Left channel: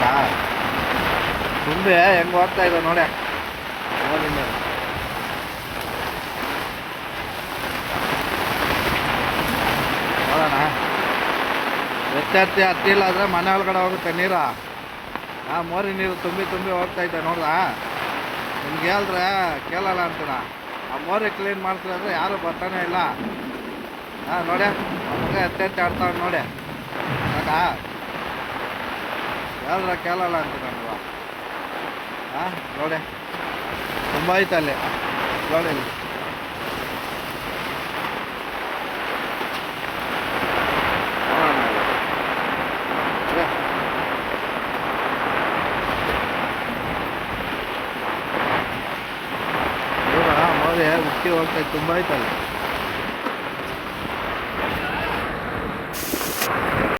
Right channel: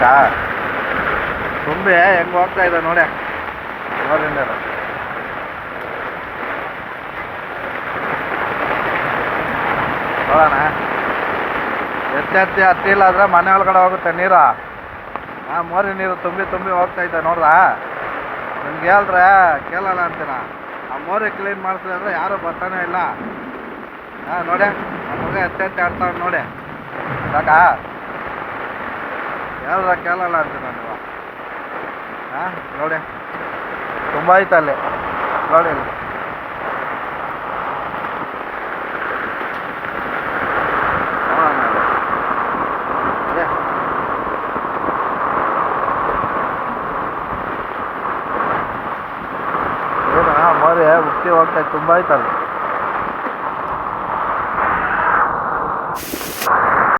ಸಾಕಾ ತುಂಬಿ ಹೆಂಗೆ ಹೋಗ್ತಾ ಇದೆ ನೋಡಿ ನೋಡಿಂದ ನೋಡೋಣ ಎತ್ತಿ ಹತ್ತಿಲ್ಲ ಆದರೆ ಮನೆ ಒಳಗಡೆ ಹೋಗುತ್ತೆ ನೀರು. ಹಾಂ ಮೋರಿ ನೀರು ತುಂಬಿ ತುಂಬಿ ಹೋಗ್ತೈತೆ ನೋಡ್ದಾ. ನಿಮ್ಗೆ ಹೇಳ್ರೆ ಕೇಳಲ್ಲ ಅಂತೀನ. ಆ ಮೋರಿ ಕ್ಲೀನ್ ಮಾಡ್ತೀವಿ ಅಂದರೆ ಯಾರೂ ಬರ್ತಾನೆ ಇಲ್ಲ. ಹಾಂ ನೋಡಿ ನಮ್ಮ ಮಗ ಎತ್ತಿ ಆಡ್ತಾವ್ರು ನೋಡಿ ಸಾಕಾ. ಹೇಳ್ರೆ ಕೇಳಲ್ಲ ಅಂತೀನ ನೀವು. ಹಾಂ ನೋಡಿ ತುಂಬ ಐತಲ್ಲಿ ನೋಡಿ ಮೋರಿ ಉಕ್ಕಿ ಹೋಗ್ತಾ ತುಂಬ ಐತಲ್ಲಿ.